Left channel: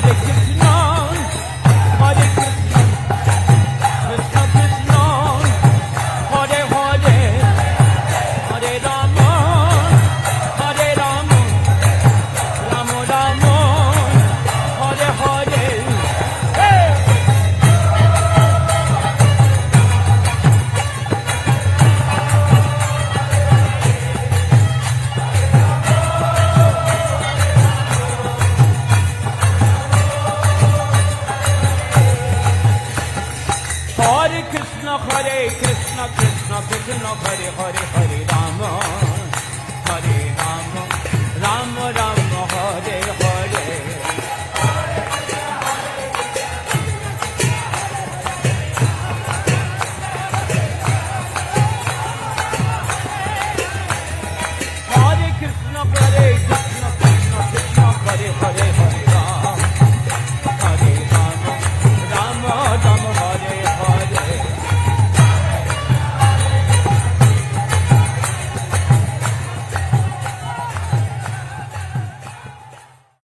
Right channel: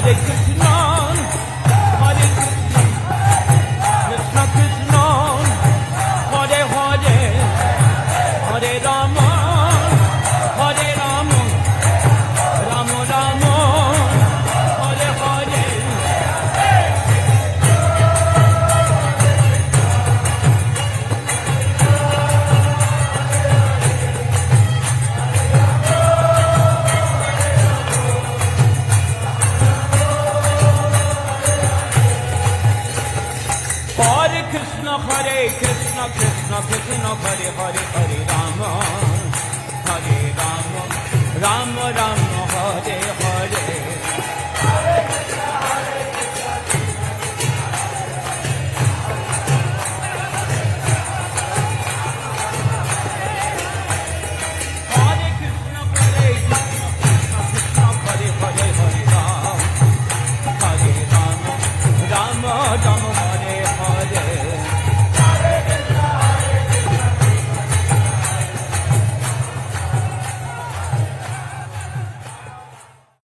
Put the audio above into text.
Hare Krishna, Hare Krishna, Krishna Krishna, Hare Hare, Hare Rama, Hare Rama, Rama Rama, Hare Hare. Hare Krishna, Hare Krishna, Krishna Krishna, Hare Hare, Hare Rama, Hare Rama, Rama Rama, Hare Hare. Hare Krishna, Hare Krishna, Krishna Krishna, Hare Hare, Hare Rama, Hare Rama, Rama Rama, Hare Hare.